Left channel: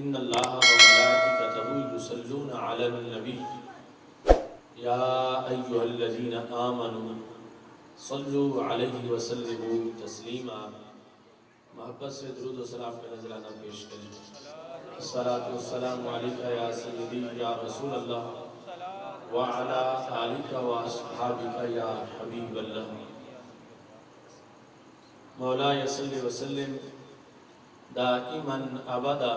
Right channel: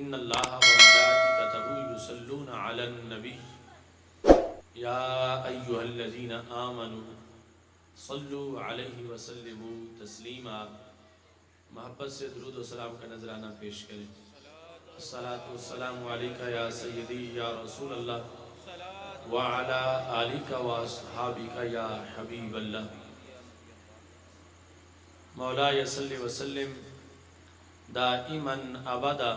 ان اللہ وملائکتہ یصلون علی النبی یا ایھا الذین آمنوا صلوا علیہ وسلموا تسلیما۔ محبت سے درود و سلام کا نذرانہ پیش کریں۔ الصلاۃ والسلام علیک یا سیدی یا رسول اللہ وعلی آلک واصحابک یا حبیب اللہ۔ مولاي صل وسلم دائما ابدا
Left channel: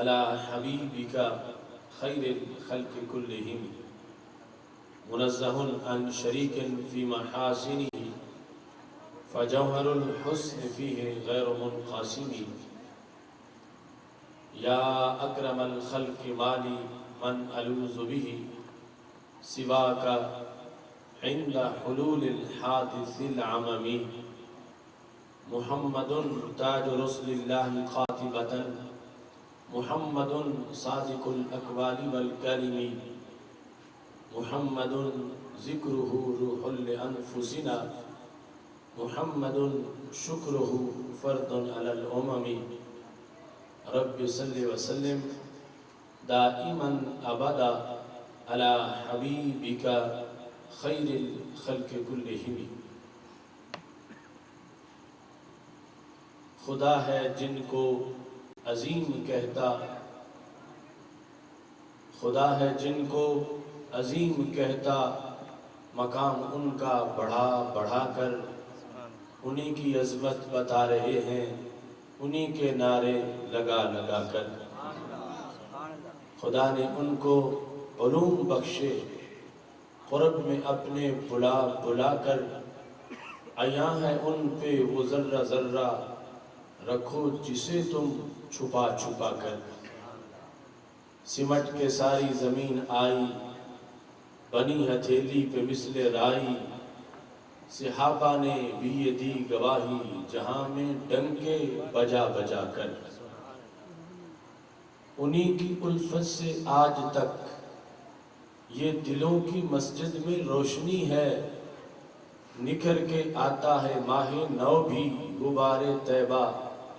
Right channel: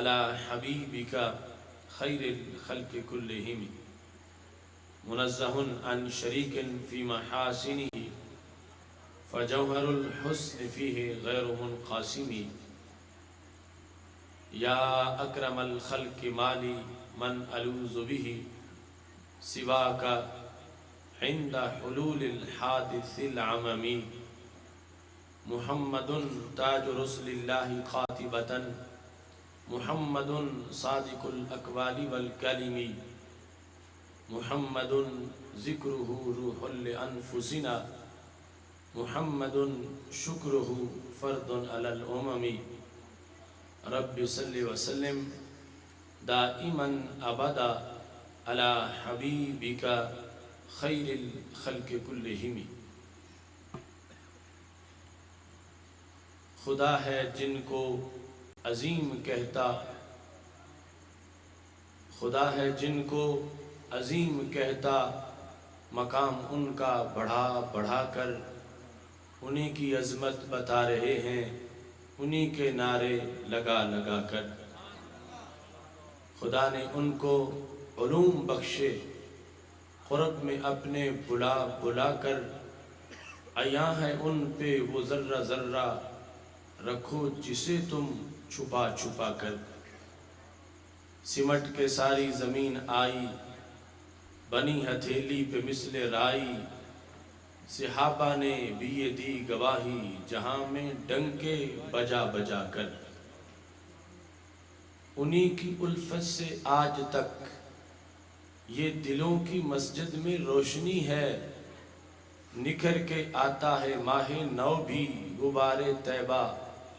على حبيبك خير الخلق كلهم منزه عن شريك في محاسنه فجوهر الحسن فيه غير منقسم يا اكرم الخلق مالي من الوذ به سواك عند حلول الحادث العممي محمد تاج رسل اللہ قاطبتا محمد صادق الاقوال والکلم محمد ذکرہ روح لانفسنا محمد شکرہ فرد علی الامم۔ رب صلی وسلم دائما ابدا علی حبیبک خیر الخلق کلہم۔ خدا ہے جن کو عظیم کہتا، خدا ہے جن کو عظیم کہتا، مقام ان کا بڑھا بڑھا کر انہی کی عظمت بتا رہے ہیں، انہی کے نعرے لگا لگا کر۔ خدا نے ان کو علوم بخشے، قرب میں اپنے بلا بلا کر، عیاں ہے ان پہ وہ ذرہ ذرہ رکھو جسے تم چھپا چھپا کر۔ سمٹ کے ساری زمین آئی بنی ہتھیلی پہ مثل رائی، صحابہ نے بھی یہ دی گواہی جہاں میں ڈنکے بجا بجا کر۔ انہی کی الفت سے آج تک یہ دلوں کی مسجد میں روشنی ہے، نکھر کے آتا ہے ماہ نو بھی غبار طیبہ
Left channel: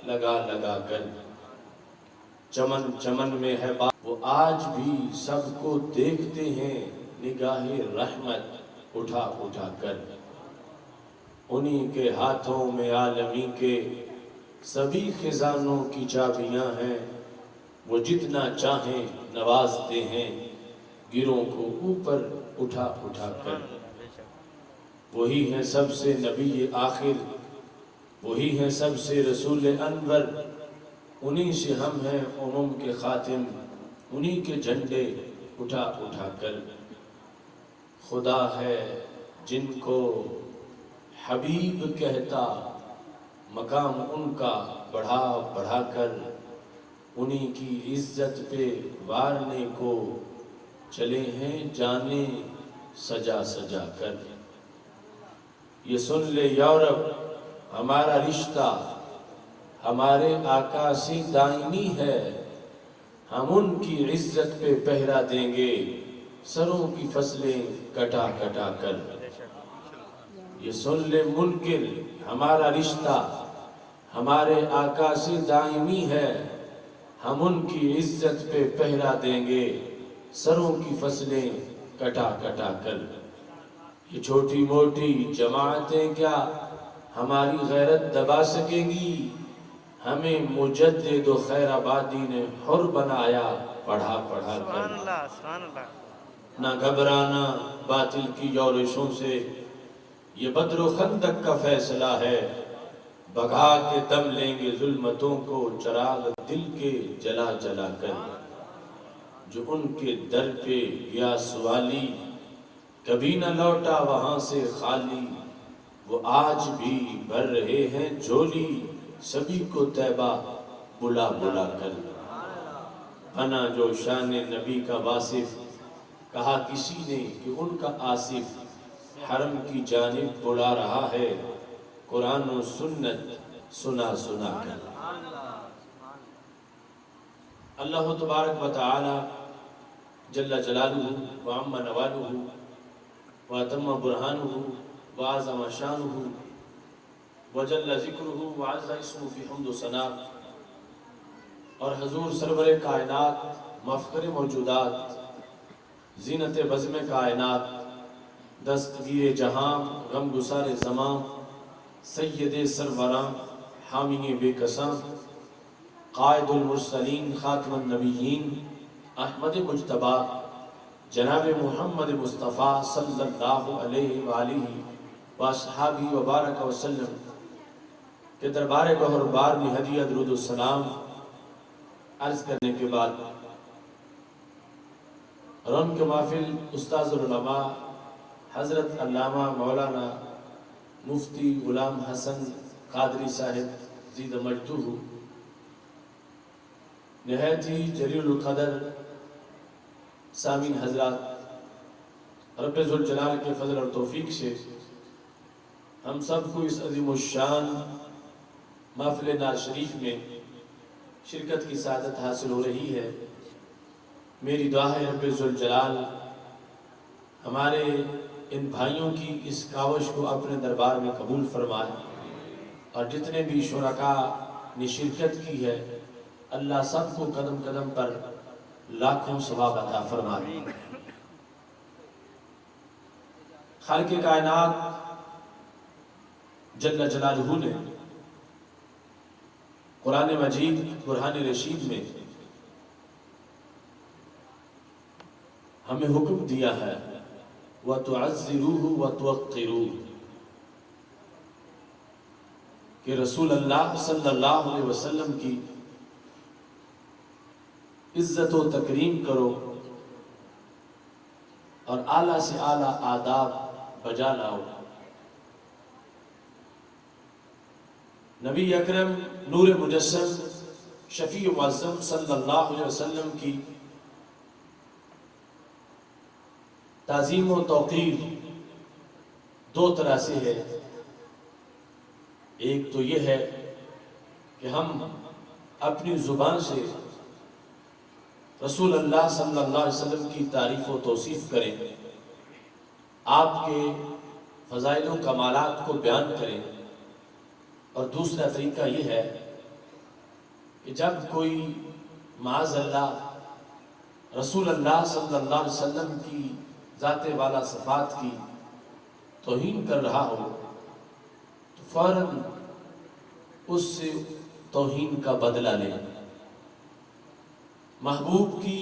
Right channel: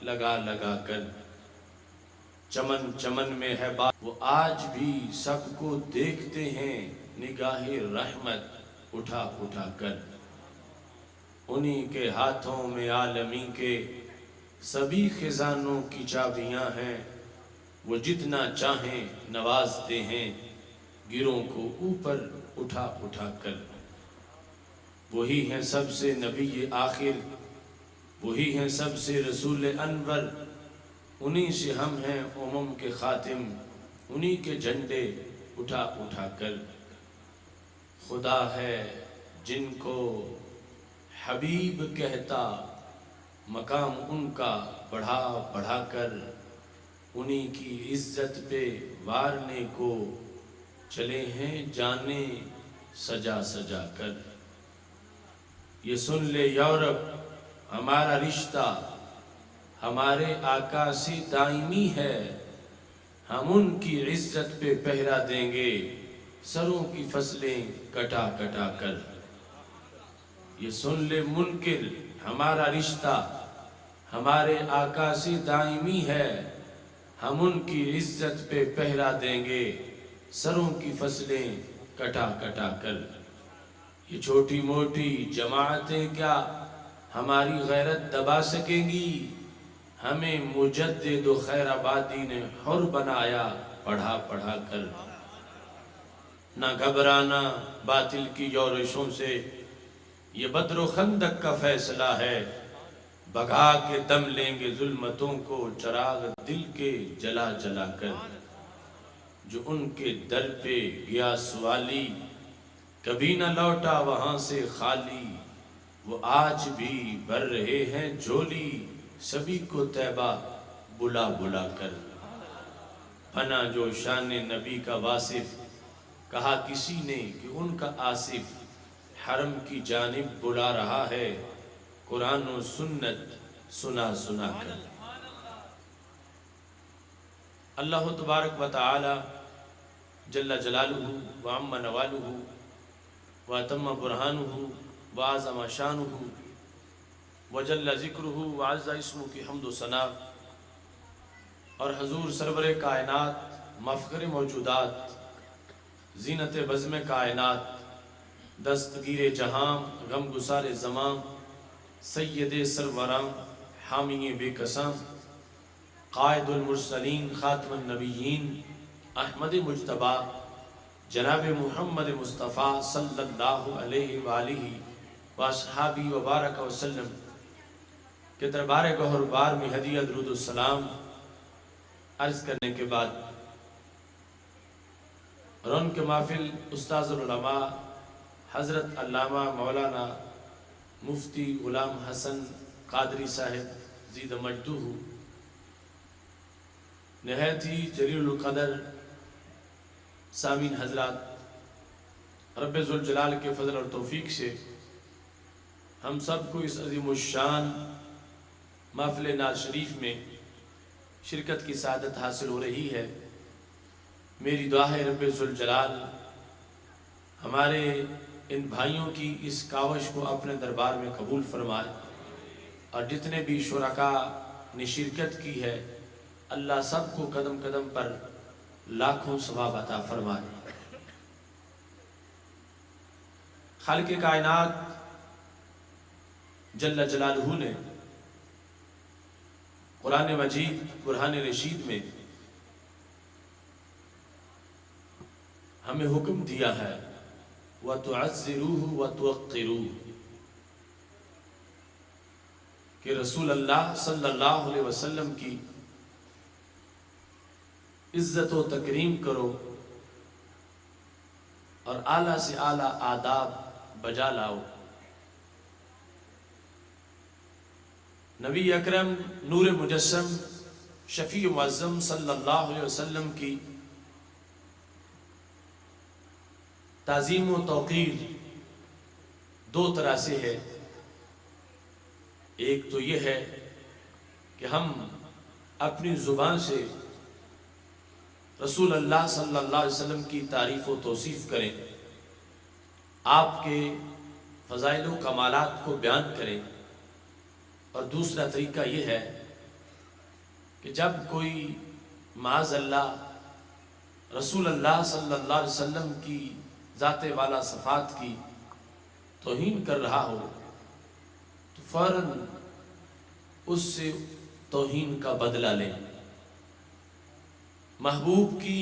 لگا لگا کر۔ چمن چمن میں ہے بات وہ آج بھی سب کو دیکھتے ہیں، نگاہ رحمت اٹھا اٹھا کر۔ انہی کے ہاتھوں میں عالمی کے سبھی خزانوں کی چابیاں ہیں، وہ جتنا چاہیں نوازتے ہیں، گروں کو اوپر اٹھا اٹھا کر۔ وہی ہیں سب سے نبی آخر، وہی ہیں سب سے رسول انور، انہی سے ہم ہیں امم کے خاتم، انہی کے جھنڈے اٹھا اٹھا کر۔ خدا ہے جن کو حبیب کہتا، مقام ان کا بڑھا بڑھا کر، انہی کی عزت پہ وارنے کو چلے ہیں جانے سجا سجا کر۔ یہ سن لے یورپ ہمارا رشتہ ہمارے آقا سے دائمی ہے، ہم ان کی عزت پہ پہرا دیں گے سروں کی فصلیں کٹا کٹا کر۔ یہ سن لے منکر ہمارا رشتہ ہمارے آقا سے دائمی ہے، ہم ان کی عزت پہ پہرا دیں گے سروں کی فصلیں کٹا کٹا کر۔ یہ چھوٹی موٹی جماعتیں کیا ہماری غیرت دبا سکیں گی، ہمیں مجدد و خیر آبادی نے حر بنایا پڑھا پڑھا کر۔ نہ گھبرانا باطل کی یورشوں سے، یہ بدر و خندق کا فیصلہ ہے، بھگا کے دم لیں گے ظلمتوں کو چراغ دل کے جلا جلا کر۔ جو ان کے در پہ گیا سوالی، کبھی نہ لوٹا وہاں سے خالی، وہ آج بھی بھر رہے ہیں جھولی سبھی کو طیبہ بلا بلا کر۔ بنا جو شان نبی کا واصف، کہا کسی نے کہ ان کا آصف، حرم کی جانب بلا رہا ہے قرآن و سنت سنا سنا کر۔ اللہ تبارک و تعالی جل جلالہ وعم نوالہ واتم برہانہ وعظم شانہ وجل ذکرہ وعز اسمہ کی حمد و ثنا اور حضور سرور کائنات، مفخر موجودات، زینت بزم کائنات، دستگیر جہاں، غم گسار زمان، سید سروران، حامی بے قساں، قائد المرسلین، خاتم النبیین، احمد مجتبی، جناب محمد مصطفیٰ صلی اللہ علیہ وآلہ واصحابہ وبارک وسلم کے دربار گوہر بار میں ہدیہ درود السلام عرض کرنے کے بعد، اور ان کے محفل استاذ العلماء حضرت علامہ مولانا مفتی غلام حسن قادری صاحب زید مجدہ، نہایت ہی جلیل القدر سامعین حضرات، رب ذوالجلال کے فضل اور توفیق سے ہم سب کو اس عظیم الشان محفل نعت شریف میں شرکت کی سعادت حاصل ہو رہی ہے۔ میری دعا ہے رب ذوالجلال ہمارے ان بھائیوں کی اس کاوش کو اپنے دربار میں قبول فرمائے، اور جتنے بھی شرکاء نے شرکت کی ہے اللہ سب کو قدم قدم پر لاکھوں ثواب عطا فرمائے۔ خالق کائنات جل جلالہ نے قرآن مجید برہان رشید میں ہمیں حکم دیا ہے وَتُعَزِّرُوهُ وَتُوَقِّرُوهُ، کہ رسول اللہ صلی اللہ علیہ وسلم کی عزت و تکریم کرو اور اعلیٰ سے اعلیٰ آداب بجا لاؤ۔ نبی اکرم نور مجسم شفیع معظم صلی اللہ علیہ وسلم کی تعظیم و توقیر دو طرح سے ہے۔ ایک تو یہ ہے کہ ہم اپنی زبان سے رسول اللہ صلی اللہ علیہ وسلم کی تعریف و توصیف کریں، آپ کے فضائل و کمالات کو بیان کریں، اور دوسرا طریقہ یہ ہے کہ جب کوئی معاذ اللہ رسول اللہ صلی اللہ علیہ وسلم کی ذات والا صفات کی توہین کر رہا ہو تو فوراً اس سے توہین کا بدلہ لیں۔ محبوب کی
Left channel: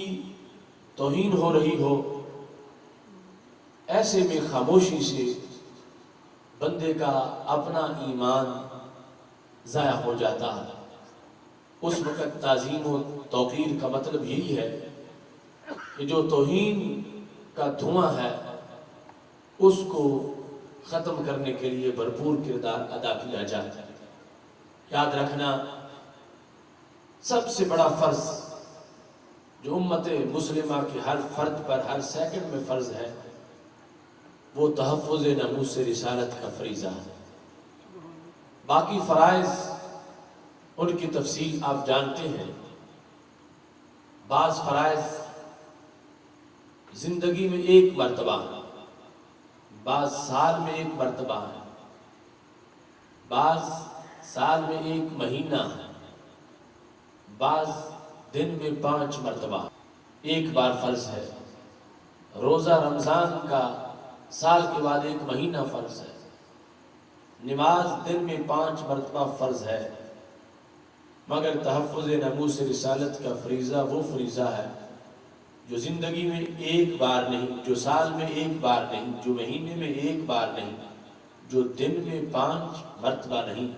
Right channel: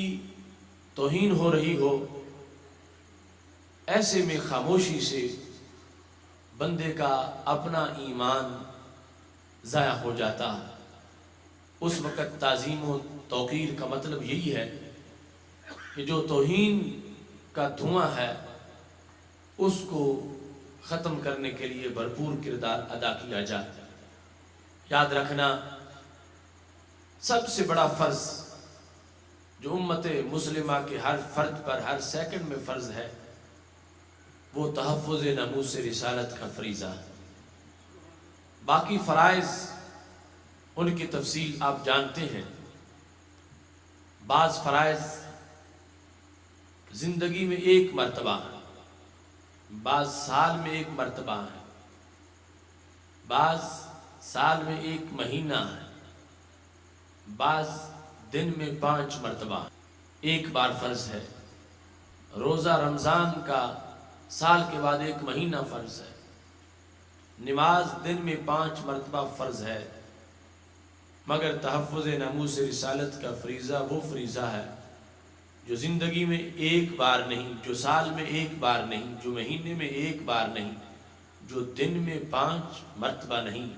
توہین ہو رہی ہو، ایسے میں خاموشی سے بندے کا اپنا ایمان ضائع ہو جاتا ہے۔ اس وقت تعظیم و توقیر کا مطلب یہی ہے کہ جو توہین کا دھواں ہے اس کو ختم کرنے کے لیے بھرپور کردار ادا کیا جائے۔ یاد رکھنا، سب سے بڑا فرض جو امت مسلمہ کے ہر فرد پر ہر سیکنڈ میں فرض ہے وہ تحفظ ناموس رسالت کا فریضہ ہے۔ باقی فرائض ان کی تفصیل آپ جانتے ہیں۔ بعض فرائض زندگی میں ایک مرتبہ ہیں، بعض سال میں ایک مرتبہ ہیں، بعض سال میں ایک مہینہ ہے، بعض دن میں 5 مرتبہ ایک بار فرض ہے۔ روزہ رمضان کا سال کے بعد ایک مہینہ فرض ہے۔ نماز دن میں 5 مرتبہ فرض ہے، مگر تحفظ ناموس رسالت کا فریضہ وہ فریضہ ہے جو زندگی میں ایک بار نہیں، جو سال میں ایک بار نہیں، جو مہینے میں ایک بار نہیں، جو دن میں 5 مرتبہ نہیں،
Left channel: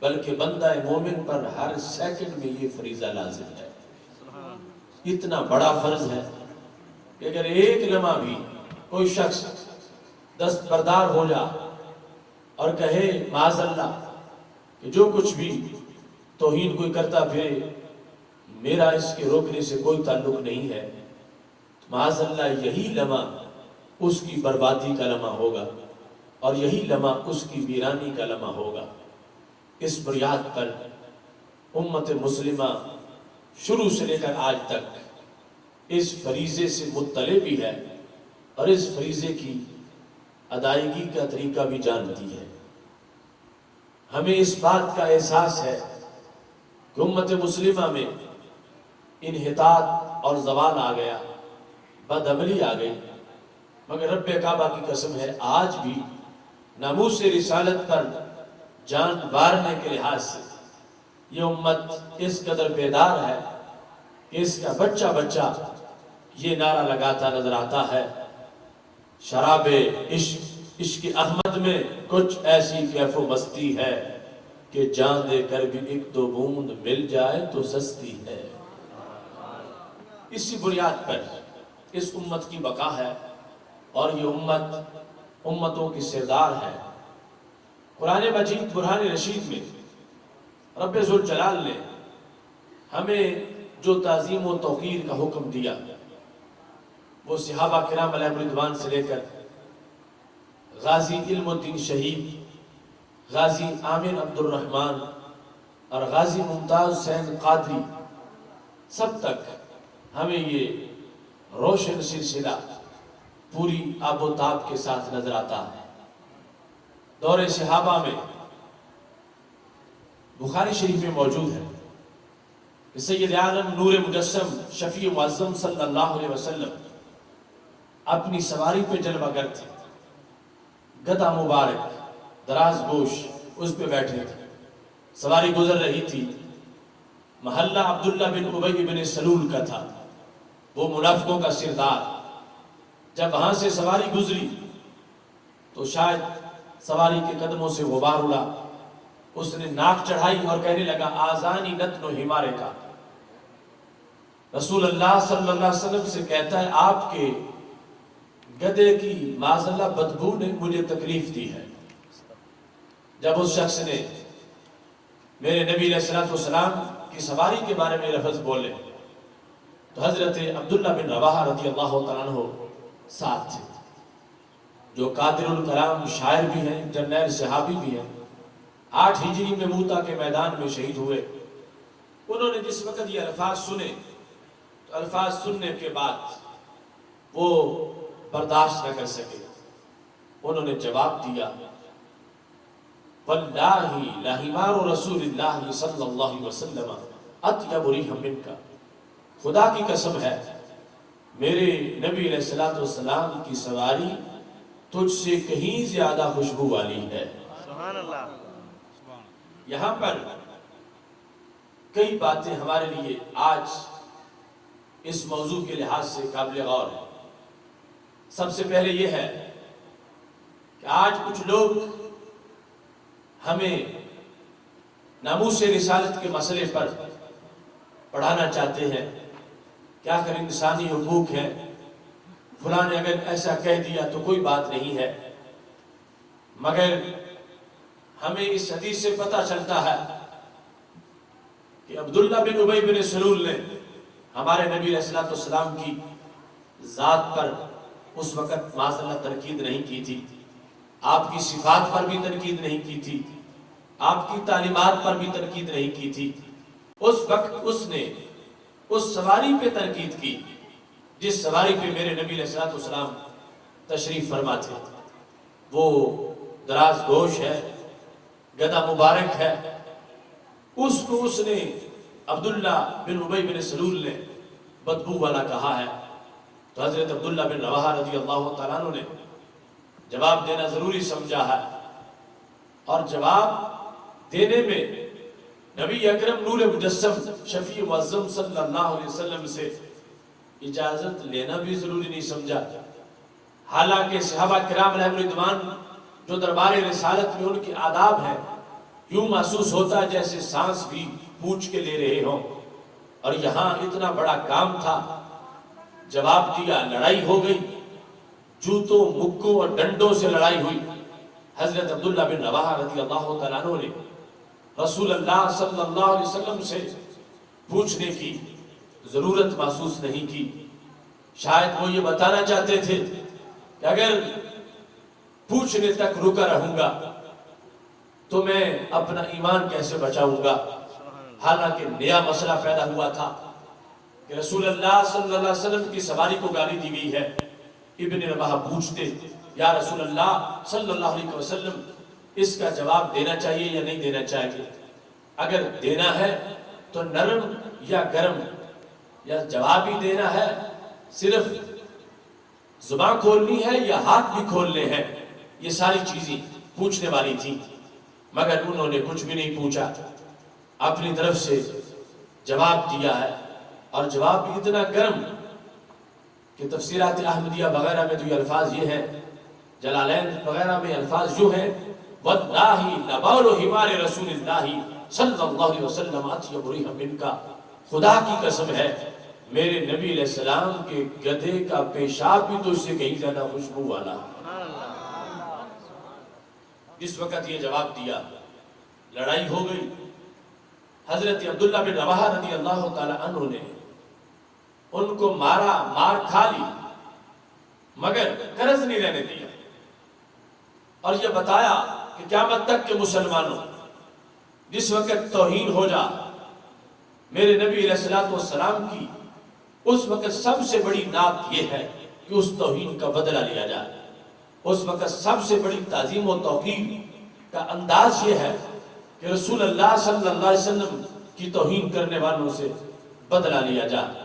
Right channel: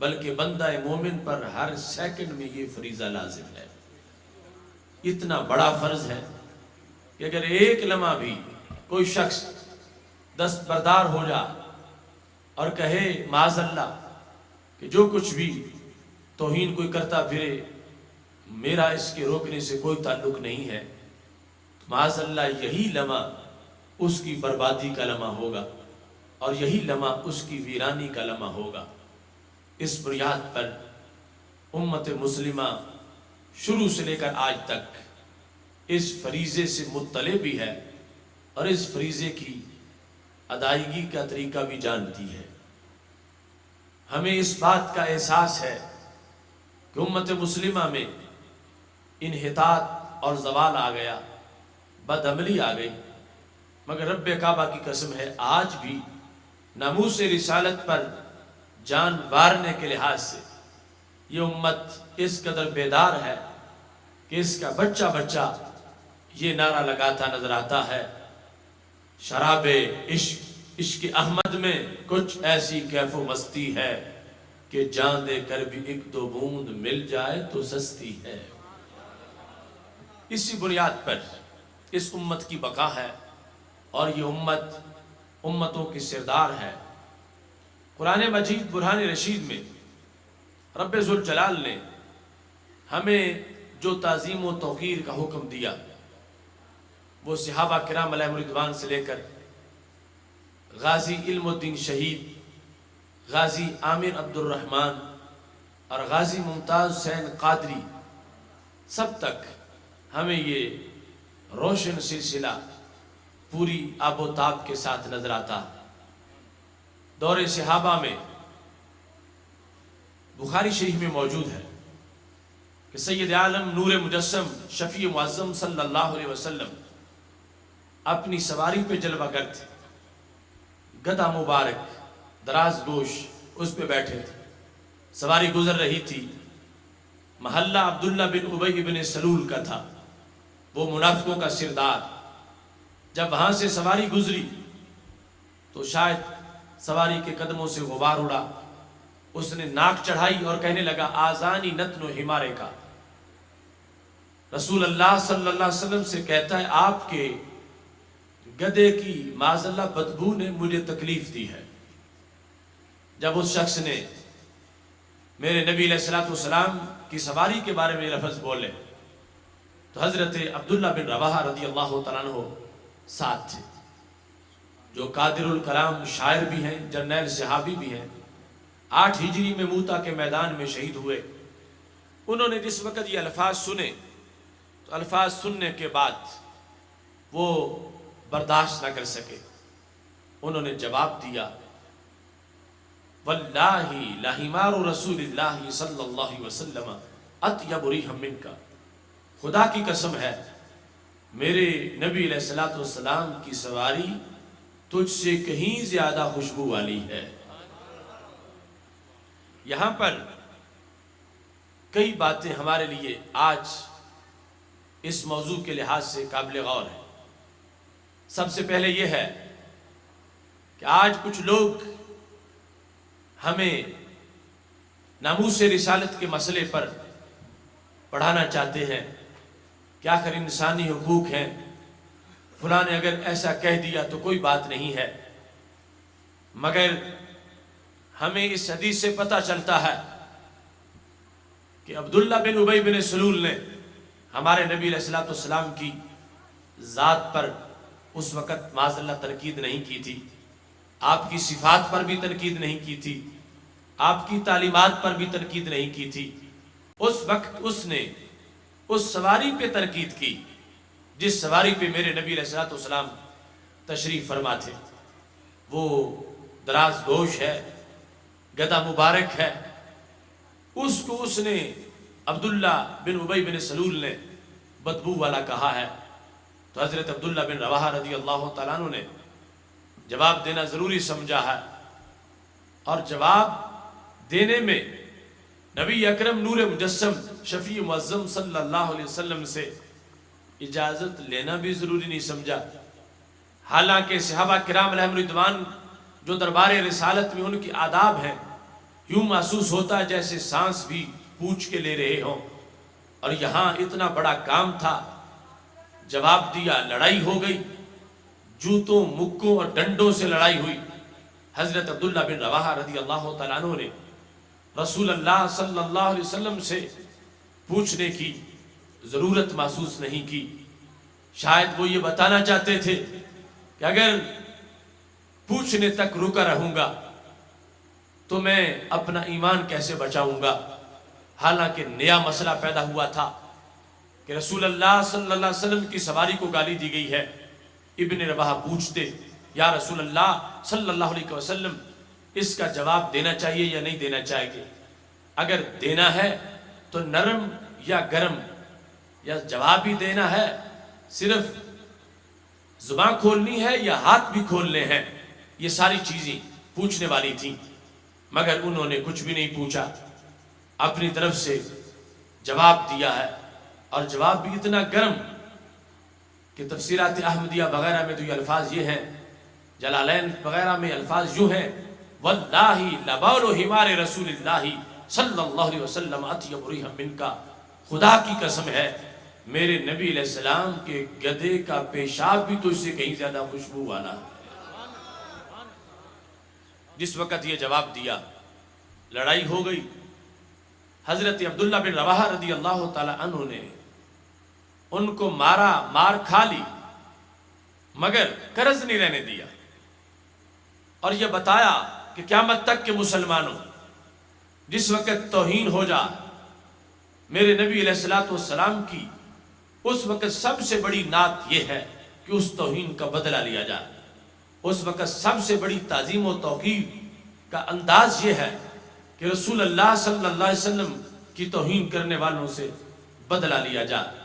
بلکہ بندہ مومن پر ہر سیکنڈ میں یہ فریضہ لازم ہے۔ اتنا بڑا فرض ہے کہ اگر ایک لمحہ بھی کوئی شخص دستبردار ہو جا اور کہے معاذ اللہ کہ جو کچھ بھی توہین کوئی کرتا پھرے میرا اس کے روکنے سے کوئی تعلق نہیں ہے، معاذ اللہ یہی لمحہ اس کی بربادی کا لمحہ ہوگا، اور یہی لمحہ اس کی ویرانی کا لمحہ ہوگا۔ اس بنیاد پر امت مسلمہ شروع سے لے کر آج تک اس فریضے سے مطلع بھی ہے اور اس فریضے کی ادائیگی کا طریقہ بھی جانتی ہے۔ ہمیں اس بات کا احساس ہے کہ امت مسلمہ میں انحطاط اور زوال آ گیا، بدعملی آ گئی، مگر رب کعبہ کی قسم ہے آج بھی ناموس رسالت پر جان وارنے کے لحاظ سے یہ امت اس قدر بیدار ہے کہ اس کا بچہ بچہ یہ نعرہ لگاتا نظر آتا ہے، شراب عشق احمد میں کچھ ایسی کیف و مستی ہے کہ جان دے کر بھی ایک دو بوند مل جائے تو سستی ہے۔ اسی بنیاد پر اس امت کی بقا ہے اور یہ امت امتوں کی سردار ہے۔ قرآن مجید برہان رشید میں رب ذوالجلال نے ہمیں جو تعظیم و توقیر کا حکم دیا وہ صحابہ کرام علیہم رضوان سے لے کر غازی علم الدین شہید، غازی عامر عبد الرحمن اور غازی ممتاز حسین قادری سب تک ہمیں یہ روشن سلسلہ پوری آب و تاب کے ساتھ نظر آتا ہے۔ دور صحابہ میں بخاری شریف میں موجود ہے کہ سید عالم نور مجسم شفیع معظم صلی اللہ علیہ وسلم اپنی سواری پہ جلوہ گر تھے، گدھا مبارک دراز گوش اس پہ بیٹھے تھے، سواری گزر رہی تھی، محلہ عبداللہ بن ابی بن سلول کا تھا، وہ منافقوں کا سردار۔ جب وہاں سے سواری گزری تو شاید سواری کے قدموں سے غبار اڑا، اس نے ناک چڑھائی اور کہنے لگا آذانی نتن و حمارے کا۔ رسول اللہ صلی اللہ علیہ وسلم سے کہتا ہے آپ کے گدھے کی معاذ اللہ بدبو نے مجھے تکلیف دی ہے۔ جب اس شخص نے میرے نبی علیہ السلام کی سواری کے بارے میں لفظ بولے تو حضرت عبداللہ بن رواحہ رضی اللہ تعالیٰ عنہ ساتھ تھے، جو قادر الکلام شاعر بھی ہیں، جرنیل صحابی بھی ہیں، 8 ہجری میں موتا کے میدان میں شہید ہوئے۔ انہوں نے جس وقت یہ الفاظ سنے تو الفاظ سننے کے بعد وہ برداشت نہ کر سکے، انہوں نے جواب دیا واللہ لحمار رسول اللہ صلی اللہ علیہ وسلم اطیب ریحا منک، خدا کی قسم ہے میرے نبی علیہ السلام کی سواری تجھ سے کہیں زیادہ خوشبو والی ہے۔ سبحان اللہ۔ یہاں پر کئی باتیں ہمارے لیے آج اس موضوع کے لحاظ سے قابل غور ہیں۔ سب سے پہلے یہ ہے کہ آج کچھ لوگ ہمیں ناموس رسالت کے مسئلے پر پڑھانا چاہتے ہیں کہ آخر انسانی حقوق ہیں، فلاں نے اگر ایسا کہہ دیا تو کوئی بات نہیں ہے، مگر ہمیں اس حدیث سے پتہ چلتا ہے کہ عبداللہ بن ابی بن سلول نے ہمارے نبی علیہ السلام کی ذات پر اس وقت معاذ اللہ تنقید نہیں کی تھی، آپ کی صفات پر بھی تنقید نہیں کی تھی، آپ کی تعلیمات پر بھی تنقید نہیں کی تھی۔ اس وقت اس نے اس سواری پہ تنقید کی جس سواری پہ میرے نبی علیہ السلام تشریف فرما تھے۔ وہ دراز گوش ہے، گدھا مبارک ہے، اس کو اس نے عبداللہ بن ابی بن سلول نے بدبو والا کہا ہے۔ تو حضرت عبداللہ بن رواحہ رضی اللہ تعالیٰ عنہ نے جواب دینا ضروری سمجھا ہے، اور جواب دینے میں نبی اکرم نور مجسم شفیع معظم صلی اللہ علیہ وسلم سے اجازت لینا بھی ضروری نہیں سمجھا۔ حالانکہ صحابہ کرام علیہم رضوان جو دربار رسالت میں ان کی آداب ہیں، یوں محسوس ہوتا ہے جیسے سانس بھی پوچھ کے لے رہے ہوں، اور یہاں اتنا بڑا کام تھا، جواب دیا، لڑائی ہو گئی، جوتوں مکوں اور ڈنڈوں سے لڑائی ہوئی۔ حضرت عبداللہ بن رواحہ رضی اللہ تعالیٰ عنہ نے رسول اللہ صلی اللہ علیہ وسلم سے پوچھنے کی ضرورت محسوس نہیں کی۔ شاید وہ یہ بتانا چاہتے تھے کہ اگر پوچھنے تک رکا رہوں گا تو میں اپنا ایمان کیسے بچاؤں گا۔ حالانکہ نیا مسئلہ پیدا ہوا تھا کہ رسول اللہ صلی اللہ علیہ وسلم کی سواری کو گالی دی گئی ہے۔ ابن رواحہ پوچھتے یا رسول اللہ صلی اللہ علیہ وسلم اس کا جواب دینا چاہیے یا نہیں دینا چاہیے؟ اگر دینا ہے تو نرم یا گرم یا جواب بھی دینا ہے، صرف زبان کھولنی ہے یا ہاتھ بھی کھولنے ہیں؟ یہ ساری چیزیں پوچھنے والی تھیں، مگر انہوں نے کچھ بھی نہیں پوچھا، اپنی طرف سے جواب دیا ہے، اور جواب بھی اتنا گرم کہ تفسیرات احمدیہ وغیرہ میں تو یہ الفاظ یہ ہیں، جلالین وغیرہ میں الفاظ یوں ہیں، واللہ لبول حمار رسول اللہ صلی اللہ علیہ وسلم اطیب ریحا منکا، خدا کی قسم ہے میرے نبی علیہ السلام کے گدھے کا پیشاب بھی تو اس سے کہیں زیادہ خوشبو والا۔ جس وقت یہ جواب دیا، لڑائی ہو گئی، حضرت عبداللہ بن رواحہ رضی اللہ تعالی عنہ نے ان کو مارا، مار کھا لی، مگر قرض نہیں رہنے دیا، اور یہ بتایا کہ قیامت تک کے مسلمانوں جس وقت توہین ہو جا میرے نبی علیہ السلام کی، اس وقت سب سے بڑی نعت یہ ہے کہ اس توہین کا بدلہ لیا جائے۔ اس وقت سب سے بڑی تعظیم و توقیر کا انداز یہ ہے کہ رسول اللہ صلی اللہ علیہ وسلم کی توہین کرنے والوں سے بدلہ لیا جائے۔